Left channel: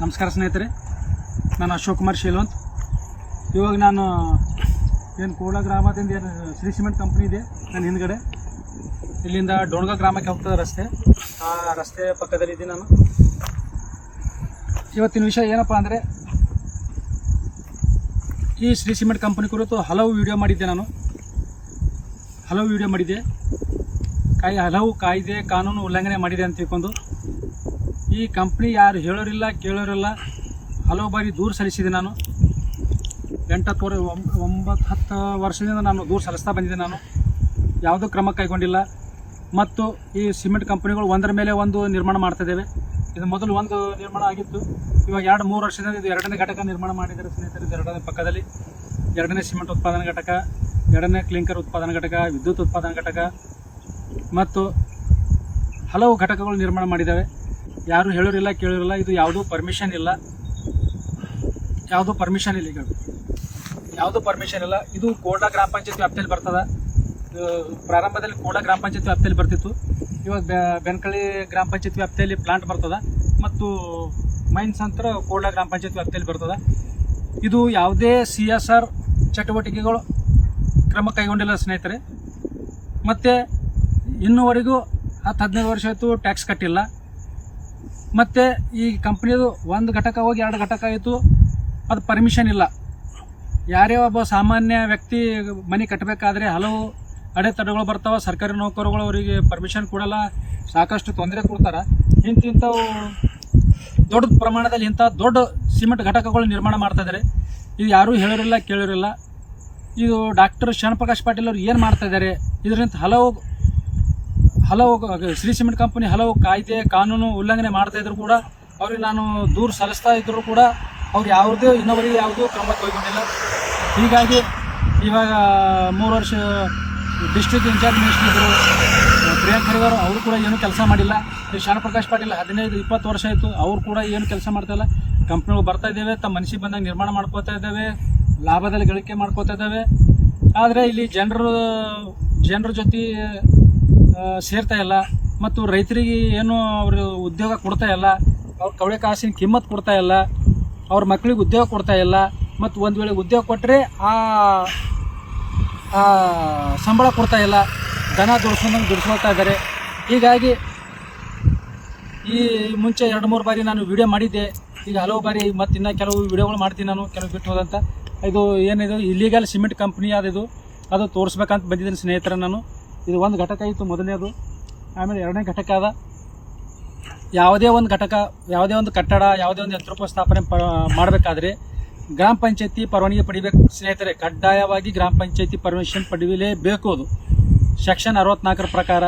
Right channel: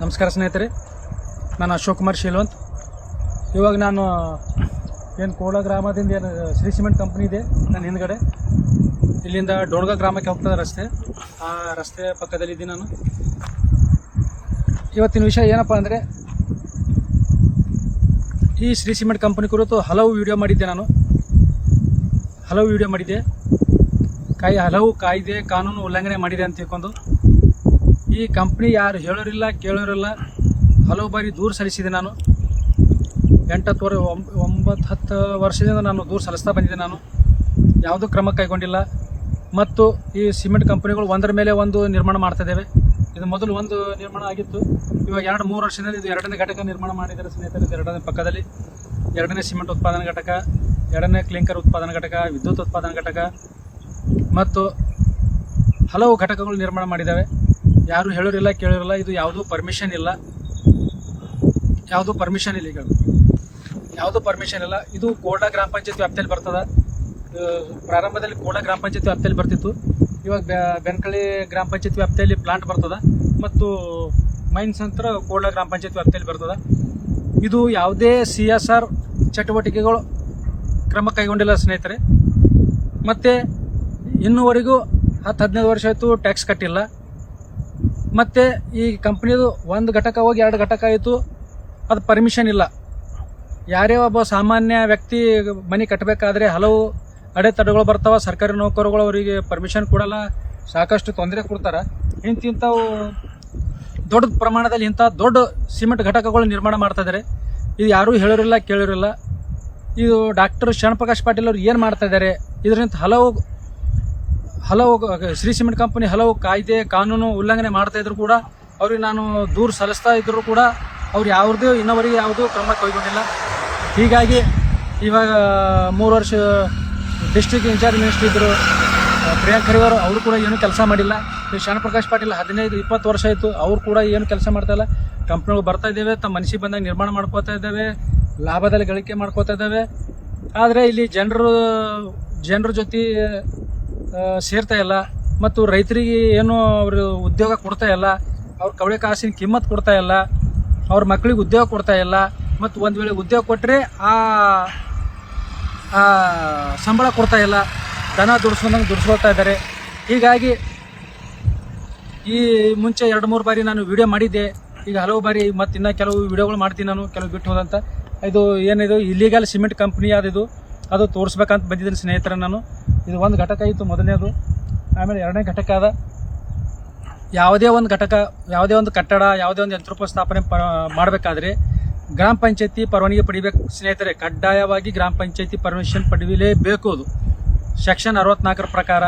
ನಮಸ್ಕಾರ ಸ್ನೇಹಿತರೆ, ನಾನು ಅಶೋಕ್ ಕುಮಾರ್ ಶೀಲವಂತ್. ಇವಾಗ ನಾನು ಏನು ಕೋಳ ಗ್ರಾಮದಿಂದ ಏನು ಶ್ರೀ ಸಿಮೆಂಟ್ ಕಂಪ್ನಿ ಇದೆ ನನ್ನ ಹಿಂದ್ಗಡೆ, ಇಲ್ಲಿಂದ ಡೋಣಗ ಗ್ರಾಮಕ್ಕೆ ಹೋಗ್ತದೆ ರಸ್ತೆ. ಆ ರಸ್ತೆ ಪಕ್ಕದಲ್ಲಿದ್ದೀನಿ ನಾನು. ಇವತ್ತಿನ ವಿಷಯ ಏನಪ್ಪ ಅಂದರೆ, ಈ ಶ್ರೀ ಸಿಮೆಂಟ್ ಕಂಪ್ನಿ ಕುರಿತು ಹಲವು ವಿಡಿಯೋ ಮಾಡಿದ್ದೆ ನಾನು. ಹಲವು ಕಾಯ್ದೆ ಕಾನೂನು ಉಲ್ಲಂಘನೆ ಮಾಡಿದೆ ಅಂತ ತಿಳ್ಕೊಂಡು ಈ ಕಂಪ್ನಿ ಯಾರು ಹೇಳೋರಿಲ್ಲ ಕೇಳೋರಿಲ್ಲ, ಹಲವು ಬಾರಿ ದೂರು ಸಲ್ಲಿಸಿದೆ ನಾನು. 9-10 ವರ್ಷದಿಂದ ನಾನು ದೂರು ಸಲ್ಲಿಸ್ತಾ ಬಂದಿದ್ದೆ. ನಾನು ಯಾವುದೂ ಕ್ರಮ ಕೈಗೊಂಡಿಲ್ಲ. ಮತ್ತು ಈ ಸಿಮೆಂಟ್ ಕಂಪ್ನಿಗಳು ಒಂದರ ಮೇಲೆ ಒಂದು ನಿರ್ಮಾಣ ಮಾಡ್ತಾಯಿದ್ದೇವೆ. ಇದು ಮೊದಲು ಒಂದು ನಿರ್ಮಾಣ ಆಗಿತ್ತು, ಇವಾಗ 2-3 ವರ್ಷದಲ್ಲಿ ಇದು 2ನೇ ಘಟಕ ನಿರ್ಮಾಣ ಮಾಡಿದ್ದಾರೆ ಸ್ನೇಹಿತರೆ. ಇದು 2ನೇ ಪಕ್ಕದಲ್ಲಿ 2ನೇ ಸಿಮೆಂಟ್ ಉತ್ಪಾದನಾ ಘಟಕ, 2ನೇ ಕ್ಲಿಂಕರ್ ಉತ್ಪಾದನಾ ಘಟಕ, ವಿದ್ಯುತ್ ಉತ್ಪಾದನಾ ಘಟಕ ಮತ್ತು ಹಲವು ಘಟಕಗಳು ನಿರ್ಮಾಣ ಮಾಡಿದ್ದಾವೆ. ಯಾರು ಹೇಳೋರಿಲ್ಲ ಕೇಳೋರಿಲ್ಲ. ಇದು ಯಾವುದೂ ಪರ್ಮಿಷನ್ ಇಲ್ಲ, ಇದು ಕೋಡ್ಲ ಗ್ರಾಮ ಪಂಚಾಯತ್ ವ್ಯಾಪ್ತಿಯಲ್ಲಿ ಬರ್ತದೆ. ಪ್ರಾರಂಭದಲ್ಲಿ ಕೋಡ್ಲ ಗ್ರಾಮ ಪಂಚಾಯತ್ ವ್ಯಾಪ್ತಿಯಲ್ಲಿ ಬರ್ತಿತ್ತು. ಇವಾಗ ಬೆನಕಳ್ಳಿ ಗ್ರಾಮ ಪಂಚಾಯತ್ ವ್ಯಾಪ್ತಿಯಲ್ಲಿ ಪ್ಲಾಂಟ್ ಬರ್ತದೆ ಮತ್ತು ಮೈನ್ಸ್ ಅಂತ ಕೋಡ್ಲ ಗ್ರಾಮ ಪಂಚಾಯತ್ ವ್ಯಾಪ್ತಿಯಲ್ಲಿ ಬರ್ತದೆ. ಇದು ಯಾವುದೇ CSR ಚಟುವಟಿಕೆಗಳು ಕ್ರಮ ಕೈಗೊಂಡಿಲ್ಲ ಸ್ನೇಹಿತರೆ. ಮತ್ತು ಇನ್ನೂವರೆಗೂ 10-15 ವರ್ಷ ಆಯಿತು ಟ್ಯಾಕ್ಸ್ ಕಟ್ಟಿಲ್ಲ. ಮತ್ತು ಈ ಕಂಪ್ನಿದು ಒಂದು ಘಟಕ ಹೋಗಿ 2 ಘಟಕ ಆಯಿತು, ಅದು ಪರ್ಮಿಷನ್ ಇಲ್ಲ. ಯಾರೇ ಒಬ್ಬ ಸಾಮಾನ್ಯ ವ್ಯಕ್ತಿ ಮನೆ ಕಟ್ಟಬೇಕಾದ್ರೆ ಹಲವು ಅಡೆತಡೆಗಳು ಬರ್ತಾವೆ. ಸರ್ಕಾರಿ ನೌಕರಗಳು ಅವರಿಗೆ ಪರ್ಮಿಷನ್ ಕೊಡಲ್ಲ, ಸಾಕಷ್ಟು ತೊಂದರೆ ಕೊಡ್ತಾರೆ. ಇಂಥವು ದೊಡ್ಡ ಪ್ರಮಾಣದಲ್ಲಿ ಇಂಥ ದೊಡ್ಡ ಸಿಮೆಂಟ್ ಘಟಕಗಳು ನಿರ್ಮಾಣ ಮಾಡ್ತಾಯಿದ್ದಾರೆ. ಇದು ಯಾರೂ ಹೇಳೋರಿಲ್ಲ ಕೇಳೋರಿಲ್ಲ. ಇದು ಡಾಕ್ಟರ್ ಶರಣಪ್ರಕಾಶ್ ಪಾಟೀಲ್ ಅವರು ಏನು ಮಾಡ್ತಾಯಿದ್ದಾರೆ, ಇದರಿಂದ ಹಲವು ಶ್ರೀ ಸಿಮೆಂಟ್ ಕಂಪನಿ ಹಲವು ಕಾಯ್ದೆ ಕಾನೂನು ಉಲ್ಲಂಘನೆ ಮಾಡ್ತಾಯಿದ್ರು ಕೂಡ ಅವ್ರಿಗೆ ನಾನು ದೂರು ಸಲ್ಲಿಸ್ತಾ ಇದ್ದರೂ ಕೂಡ ಅವ್ರು ಇನ್ನೊವರೆಗೆ ಯಾವುದೂ ಕ್ರಮ ಕೈಗೊಂಡಿಲ್ಲ. ಹೀಗಾಗಿ ಇವಾಗ 3 ವರ್ಷ ಡಿಸ್ಟ್ರಿಕ್ಟ್ ಇನ್ಚಾರ್ಜ್ ಮಿನಿಸ್ಟರ್ ಇದ್ದರು ಪ್ರಿಯಾಂಕ್ ಖರ್ಗೆ ಅವರು ಕೂಡ ಏನೂ ಕೆಲಸ ಮಾಡಿಲ್ಲ. ಈ ಶರಣಪ್ರಕಾಶ್ ಪಾಟೀಲ್ 15-20 ವರ್ಷ ಆಯಿತು, ಅವ್ರು ಕೂಡ ಏನು ಕೆಲಸ ಮಾಡ್ತಾಯಿಲ್ಲ. ಕಂಪ್ನಿಗಳು ಬರ್ತಾ ಇದ್ದೇವೆ, ತಮ್ಮ ಮನಸ್ಸಿಗೆ ಬಂದಾಗ ನಿರ್ಮಾಣ ಮಾಡ್ಕೋತಾ ಇದ್ದಾವೆ, ಲಾಭದಲ್ಲಿ ಗಳಿಕೆ ಮಾಡ್ಕೋತಾ ಇದ್ದಾವೆ. ಆದರೆ ಇಲ್ಲಿ ಜನರ ಜೊತೆ ಸೇರ್ತಾ ಇಲ್ಲ ಮತ್ತು ರೈತರಿಗೆ ಏನು ಅವರು ಉದ್ಯೋಗ ಕೊಡ್ತಾ ಇಲ್ಲ, ಅವ್ರ ಕವಳೆ ಕಾಸಿನ ಕಿಮ್ಮತ್ತು ಕೊಡ್ತಾ ಇಲ್ಲ, ಅವ್ರ ಮಕ್ಕಳಿಗೆ ಉದ್ಯೋಗ ಕೊಡ್ತಾ ಇಲ್ಲ. ಮತ್ತು ಒಂದು ವೇಳೆ ಉದ್ಯೋಗ ಕೊಟ್ಟರೆ ಆ ಸಂಬಳ ಕೊಡ್ತಾ ಇಲ್ಲ, ದನ ದುಡಿಸ್ಕೊಳ್ತಾ ಇದ್ದಾರೆ. ಹೀಗಾಗಿ ಈ ಮುಂಚೆ 2-3 ಬಾರಿ ನಾನು ವಿಡಿಯೋ ಮಾಡಿದ್ದೆ. ಈಗ ಹಲವು ಬಾರಿ ಮತ್ತು ಇನ್ನೂ ಕೆಲವು ವಿಡಿಯೋಗಳು ಮಾಡ್ತೀನಿ ನಾನು, ಕೆಲವು ಬಿಟ್ಟು ಹೋದಂತ. ಇದು ಏನಿದು ಇಲ್ಲಿಗಲ್ ಸಿಮೆಂಟ್ ಕಂಪ್ನಿ ಅದು ತೋರಿಸ್ಬೇಕಂತ ಬಂದಿದ್ದೀನಿ ಸ್ನೇಹಿತರೆ ನಾನು. ಇದು ಒಂದು ಘಟಕ ಇತ್ತು ಮೊದಲನೇದು, ಆಮೇಲೆ 2ನೇ ಘಟಕ ಅದ. ಯಾವುದೇ ಒಂದು ಘಟಕ, ಯಾವುದೇ ಒಂದು ಕಟ್ಟಡ, ಯಾವುದೇ ಒಂದು ಯಂತ್ರೋಪಸ್ಥಾಪನೆ ಮಾಡಬೇಕಾದ್ರೆ ಗ್ರಾಮ ಪಂಚಾಯತಿ ಪರವಾನಗಿ ಪಡಿಬೇಕು ಸ್ನೇಹಿತರೆ. ಕಡ್ಡಾಯವಾಗಿ ಗ್ರಾಮ ಪಂಚಾಯತಿ ಪರ್ಮಿಷನ್ ಪಡೆಯಲೇಬೇಕು. ಅದು ಸೆಕ್ಷನ್ 64 ಪ್ರಕಾರ,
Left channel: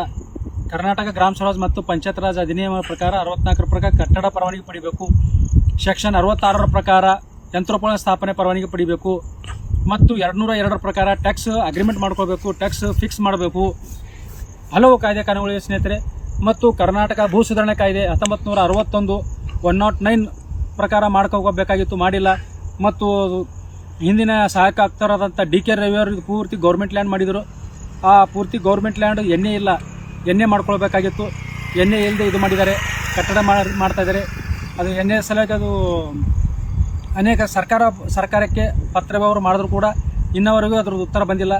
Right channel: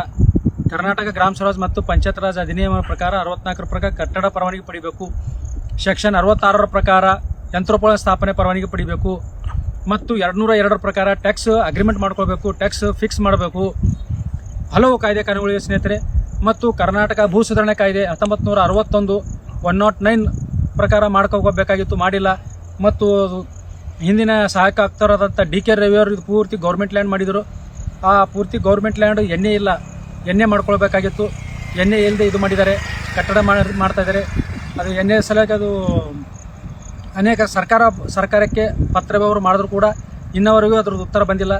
ಕರ್ನಾಟಕ ಗ್ರಾಮ ಸ್ವರಾಜ್ ಮತ್ತು ಪಂಚಾಯತ್ ರಾಜ್ ಅಧಿನಿಯಮ ಪ್ರಕಾರ 64 ಪ್ರಕಾರ ಕಟ್ಟಡ ಪರವಾನಗಿ ಪಡಿಬೇಕು. ಸೆಕ್ಷನ್ 66 ಪ್ರಕಾರ ಯಂತ್ರೋಪಕರಣ ಸ್ಥಾಪನೆ ಪರವಾನಗಿ ಪಡಿಬೇಕು. ಮತ್ತು 202 ಪ್ರಕಾರ ಟ್ಯಾಕ್ಸ್ ಅಗ್ರಿಮೆಂಟ್ ಮಾಡ್ಕೋಬೇಕು, ಟ್ಯಾಕ್ಸ್ ಫಿಕ್ಸ್ ಮಾಡಬೇಕು. ಹಲವು ಕಾಯ್ದೆ ಕಾನೂನುಗಳಿವೆ ಸ್ನೇಹಿತರೆ. ಮತ್ತು ಕರ್ನಾಟಕ ಭೂ ಸುಧಾರಣೆ ಕಾಯ್ದೆ 1961 109 ಪ್ರಕಾರ ಮಾಡ್ಕೋಬೇಕಾಗಿತ್ತು, ಮಾಡಿಲ್ಲ. ಮತ್ತು ಹಿಂದಿನ ಸಹಾಯಕ ಆಯುಕ್ತರಾದಂಥ DK ರವಿ ಅವರು ಪೂರ್ತಿ ಗೌರ್ಮೆಂಟ್ ಲ್ಯಾಂಡ್ ಮಾಡಿದರು. ಆ ಪೂರ್ತಿ ಗೌರ್ಮೆಂಟ್ ಲ್ಯಾಂಡ್ ಎಣ್ಣೆ ಮಾಡ್ಕೊಳ್ಬೇಕಾಗಿತ್ತು. ಎಣ್ಣೆ ಇಲ್ಲದೆ ಇದು ಮಾಡಿದ್ದಾರೆ, ಕಟ್ಟಡ ಮಾಡ್ತಾಯಿದ್ದಾರೆ. ಅದು ಎಣ್ಣೆ ಸಲುವಾಗಿ ಅದು ಅನೇಕ ಸರ್ಕಾರಕ್ಕೆ ಪತ್ರ ವ್ಯವಹಾರ ಮಾಡಿದ್ರು ಕೂಡ ಇನ್ನವರೆಗೂ ಅದ್ರದ್ದು ಉತ್ತರ ಬಂದಿಲ್ಲ.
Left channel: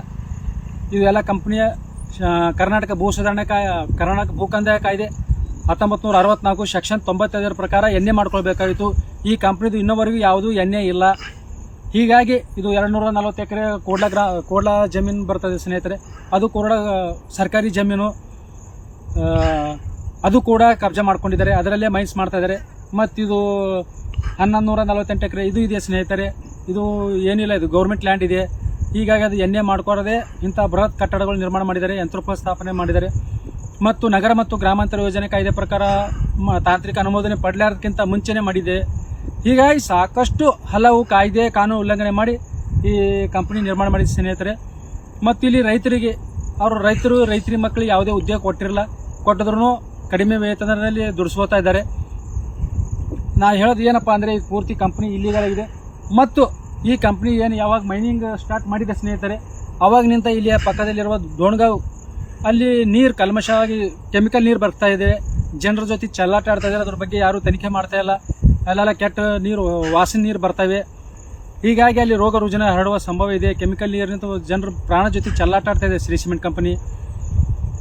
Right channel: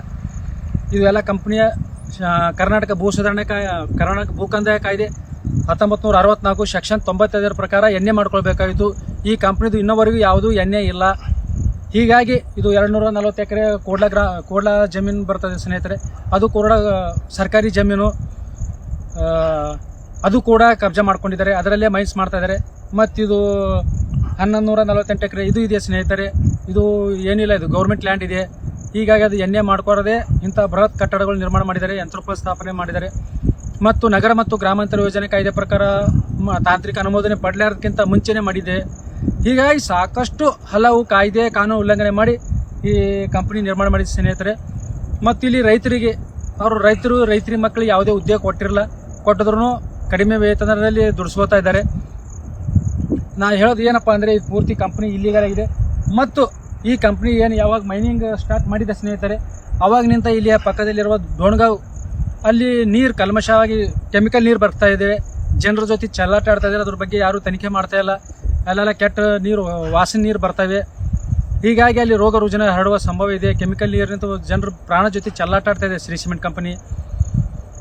ಇವೆಲ್ಲ ಕಂಪ್ನಿಯ ಕರ್ನಾಟಕ ಭೂ ಸುಧಾರಣೆ ಕರ್ನಾಟಕ ಭೂ ಕಂದಾಯ ಕಾಯ್ದೆ 1964 ಸೆಕ್ಷನ್ 95 ಪ್ರಕಾರ ಎಣ್ಣೆ ಮಾಡ್ಕೊಳ್ಬೇಕಾಗಿತ್ತು. ಈ ಕಂಪ್ನಿದು ಇನ್ನವರೆಗೂ ಯಾವುದೂ ಎಣ್ಣೆ ಇಲ್ಲ. ಹೀಗಾಗಿ ಇದು 240 ಎಕರೆ ಕೋಡ್ಲ ಜಮೀನು ಬರ್ತದೆ ಸ್ನೇಹಿತರೆ. ಅದು ಕೂಡ ಸರ್ಕಾರಿ ಜಮೀನು, ಅದು ಕೂಡ ಕಬ್ಜಾ ಮಾಡ್ಕೊಂಡಿದ್ದಾರೆ, ಅದರಲ್ಲೇ ಮೈನ್ಸ್ ಮಾಡ್ತಾಯಿದ್ದಾರೆ. ಮತ್ತಿದು 1148 ಎಕರೆ ಇದು ಇದೆ ಸ್ನೇಹಿತರೆ. ಇದು ಏನಿಲ್ಲ, ಇದು ಗೌರ್ಮೆಂಟ್ ಲ್ಯಾಂಡ್ ಇದೆ. ಹೀಗಾಗಿ ಅದು ಎಣ್ಣೆ ಮಾಡ್ಕೊಡದೆ ಇಂಥ ಬೃಹತ್ ಕಟ್ಟಡಗಳು ನಿರ್ಮಾಣ ಮಾಡಿದ್ದಾರೆ, ಯಂತ್ರೋಪಸ್ಥಾಪನೆ ಮಾಡಿದ್ದಾರೆ. ಮತ್ತು ನಗರ ಮತ್ತು ಗ್ರಾಮಾಂತರ ಯೋಜನೆ ಕಾಯ್ದೆ ಪ್ರಕಾರ ತಾಂತ್ರಿಕ ಅನುಮೋದನೆ ಪಡೆಯಲಾರ್ದಕ್ಕಿಂತ ಮುಂಚೆನೇ ಮಾಡಿದೆ. ಹೀಗಾಗಿ ಸಾಕಷ್ಟು ಹಲವು ಕಾಯ್ದೆ ಕಾನೂನು ಉಲ್ಲಂಘನೆ ಮಾಡಿ ಈ ಕಂಪ್ನಿ ನಿರ್ಮಾಣ ಮಾಡಿದ ಸ್ನೇಹಿತರೆ. ಮತ್ತು ಇಲ್ಲಿ ರೈತರಿ ಮಕ್ಕಳಿಗೆ ಯಾವುದೇ ಉದ್ಯೋಗ ಕೊಟ್ಟಿದ್ರು ಕಡಿಮೆ ವೇತನದಲ್ಲಿ ದುಡಿಸ್ಕೋತಾ ಇದ್ದಾರೆ. ನಾನು ಹೇಳೋದು ಏನಪ್ಪ ಅಂದರೆ, ಇದು ಪೂರ್ತಿ ಕಂಪ್ನಿ ಇಲ್ಲಿಗಲ್ ಆಗಿದೆ. ಮತ್ತು ಈ ಕಂಪ್ನಿ ಏನು ಯಾವಾಗ ಮೈನಿಂಗ್ ಸ್ಟಾರ್ಟ್ ಮಾಡಿದೆ ಸ್ನೇಹಿತರೆ, ಅವಾಗಿನಿಂದ ಇಲ್ಲಿಯ ಪಕ್ಕದಲ್ಲಿರುವ ದೋಣಗಾಂವ್ ಅಲ್ಲಿ ನೀರು ಕಲ್ಮಶವಾಗಿ ಕೆಮಿಕಲ್ ನೀರು ಬರ್ತಾ ಇದೆ. ಜನರ ಜೊತೆ ಚೆಲ್ಲಾಟ ಆಡ್ತಾ ಇದ್ದಾರೆ. ಅದ್ರ ಬಗ್ಗೆ ಯಾರು ತನಿಖೆ ಮಾಡ್ತಾ ಇಲ್ಲ. ಅಲ್ಲೆಲ್ಲ ಕೆಟ್ಟ ನೀರು, ವಾಸನೆ ನೀರು ಬರ್ತವೆ. ಹೀಗಾಗಿ ಅಲ್ಲಿ ರೋಗ ರುಜಿನ ಹರಡುವ ಸಂಭವ ಇದೆ. ಕೆಮಿಕಲ್ ನೀರಿನಿಂದ ಜನರು ಪ್ರಾಣ ಜೊತೆ ಚೆಲ್ಲಾಟ ಆಡ್ತಾ ಇದೆ ಶ್ರೀ ಸಿಮೆಂಟ್ ಕಂಪನಿ.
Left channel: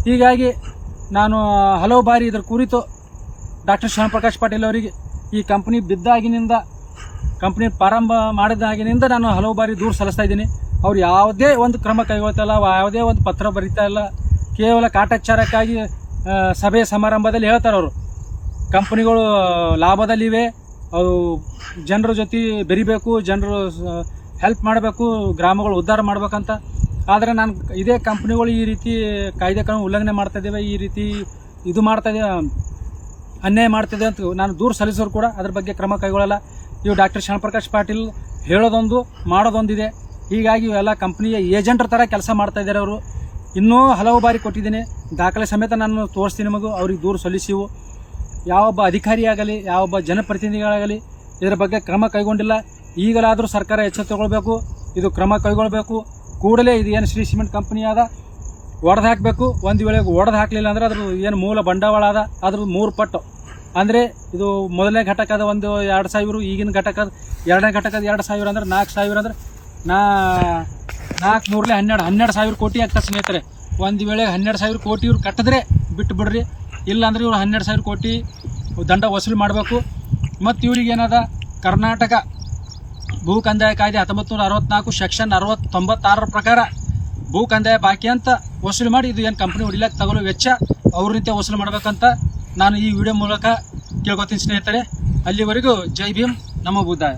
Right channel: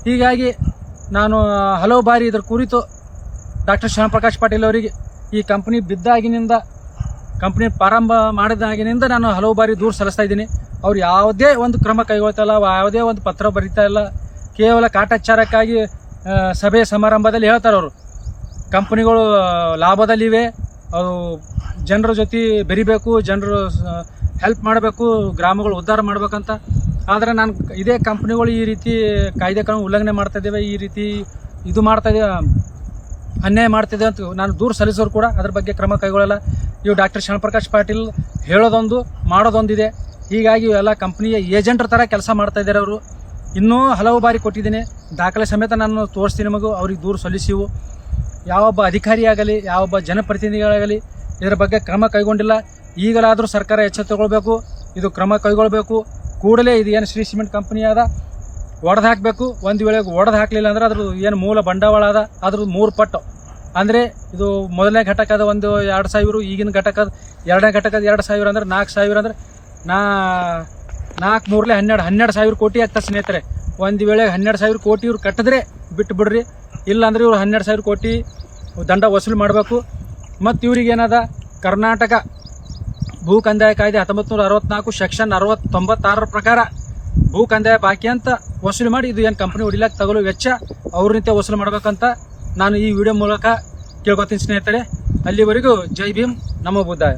ಹೀಗಾಗಿ ನಾನು ಹಲವು ಬಾರಿ ಇದರ ಕುರಿತು ಡಾಕ್ಟರ್ ಶ್ಯಾಮಪ್ರಕಾಶ್ ಪಾಟೀಲ್ ಅವರಿಗೆ ಈ ಕಂಪನಿ ಬಿದ್ದಾಗಿನಿಂದ, ಕಂಪನಿ ಪ್ರಾರಂಭ ಮಾಡಿದಾಗಿನಿಂದ ನಾನು ಹಲವು ಬಾರಿ ದೂರು ಸಲ್ಲಿಸ್ತಾ ಇದ್ದೀನಿ. ಅವ್ರು ಯಾವುದೇ ಒಂದು ಕ್ರಮ ಕೈಗೊಳ್ತಾ ಇಲ್ಲ, ಯಾವುದೇ ಒಂದು ಪತ್ರ ಬರೀತಾ ಇಲ್ಲ. ಕೇವಲ ಕಾಟಾಚಾರಕ್ಕಾಗಿ ಸಭೆ ಸಮಾರಂಭದಲ್ಲಿ ಹೇಳ್ತಾರೆ ಅವರು ಕಂಪನಿಗಳು ಲಾಭದಲ್ಲಿವೆ, ಅವು ಜನರ ಜೊತೆ ಬೆರಿಬೇಕು, ಜನರು ಹೆಲ್ಪ್ ಮಾಡಬೇಕು, ಗ್ರಾಮಗಳು ಉದ್ಧಾರ ಮಾಡ್ಬೇಕಂತ. ಆದರೆ ನಾನು ಇದೇ ಕಂಪ್ನಿಗಳು ಈ ರೀತಿ ಕಾಯ್ದೆ ಕಾನೂನು ಉಲ್ಲಂಘನೆ ಮಾಡ್ತಾ ಇದ್ದೇವೆ, ಈ ರೀತಿ ಇದು ಮಾಡ್ತಾ ಇದ್ದೇವೆ, ಅನ್ಯಾಯ ಮಾಡ್ತಿದೆ ಅಂತ ನಾನು ದೂರು ಸಲ್ಲಿಸೋರು ಕೂಡ ಅದ್ರ ಬಗ್ಗೆ ಕ್ರಮ ಕೈಗೊಳ್ಳಲ್ಲ. ಇವು ಡಾಕ್ಟರ್ ಶ್ಯಾಮಪ್ರಕಾಶ್ ಪಾಟೀಲ್ ಹೇಳೋದೊಂದು ಮಾಡೋದೊಂದಿದೆ. ಹೀಗಾಗಿ ಇವೆಲ್ಲ ಕಂಪ್ನಿಯ ಏಜೆಂಟ್ರ ಥರ ಕೆಲಸ ಮಾಡ್ತಾ ಇದ್ದಾರೆ ಅವರು. ಇನ್ನೂ ಹಲವು ಬಾರಿ ಕೊಟ್ಟಿದ್ದೀನಿ, ದಾಖಲೆ ಸಮೇತ ನಾನು ತೋರಿಸ್ತೀನಿ ನಿಮಗೂ. ಅವ್ರಿಗೆ ದೂರು ಸಲ್ಲಿಸಿವು. ಯಾವೊಬ್ಬ ಅಧಿಕಾರಿಯಾಗಲಿ, ಯಾವೊಬ್ಬ ಜನಪ್ರತಿನಿಧಿಗಳಾಗಲಿ ಇದರ ಬಗ್ಗೆ ಕ್ರಮ ಕೈಗೊಂಡಿಲ್ಲ. ಈಗಲಾದರೂ ಸರ್ಕಾರ ಎಚ್ಚೆತ್ತುಕೊಳ್ಬೇಕು, ಇದು ಕ್ರಮ ಕೈಗೊಳ್ಳಬೇಕು. ಕೂಡಲೇ ಇದು ಏನು ಶ್ರೀ ಸಿಮೆಂಟ್ ಕಂಪನಿ ಆದ ಒಡೆದು ಹಾಕಬೇಕು. ಒಂದು ವೇಳೆ ಒಡೆದು ಹಾಕಲಿಲ್ಲ ಅಂದರೆ ಅದ್ರ ಏನು ಮೂಲ ಬಂಡವಾಳ ಅದ ಅದ್ರ 3 ಪಟ್ಟು. ಅಂದರೆ ಇದು ಮೊದಲನೇ ಘಟಕದ ಒಂದು 2,000, ಈಗಿನ ಘಟಕದ ಎರಡನೇ ಘಟಕದ 2,000 ಅಂದ್ರೆ 4,000 ಅಂದ್ರೆ 4 3 12,000 ಕೋಟಿ ಆಗ್ತದೆ ಸ್ನೇಹಿತರೆ. ಒಂದು ವೇಳೆ 12,000 ಕೋಟಿ ಇವ್ರು ಕಟ್ಟಿದ್ರೆ ಬಿಟ್ಟು ಬಿಡ್ರಿ, ಇಲ್ಲಾಂದ್ರೆ ಇವ್ರು 12,000 ಕೋಟಿ ದಂಡ ವಸೂಲಿ ಮಾಡಬೇಕು. ಮತ್ತು ಇವ್ರಿಗೆ ಏನದ ಕರ್ನಾಟಕ ಭೂ ಕಂದಾಯ ಕಾಯ್ದೆ 1964 ಸೆಕ್ಷನ್ 96 ಪ್ರಕಾರ ಭೂ ಕಂದಾಯ ಬಾಕಿ ಅಂತ ವಸೂಲಿ ಮಾಡಿ ಇದು ಏನು ಕಂಪನಿ ಹೊಡಿಲಕ್ಕೆ ತಗೊಳ್ಳೋ ವೆಚ್ಚ ಅವ್ರ ವಸೂಲಿ ಮಾಡ್ಬೇಕಂತ ನಾನು ಈ ವಿಡಿಯೋ ಮೂಲಕ ಕೇಳ್ಕೊತೀನಿ ಸ್ನೇಹಿತರೆ. ಅಲ್ಲಿವರೆಗೂ ಜೈ ಭೀಮ್, ನಮೋ ಬುದ್ಧಾಯ.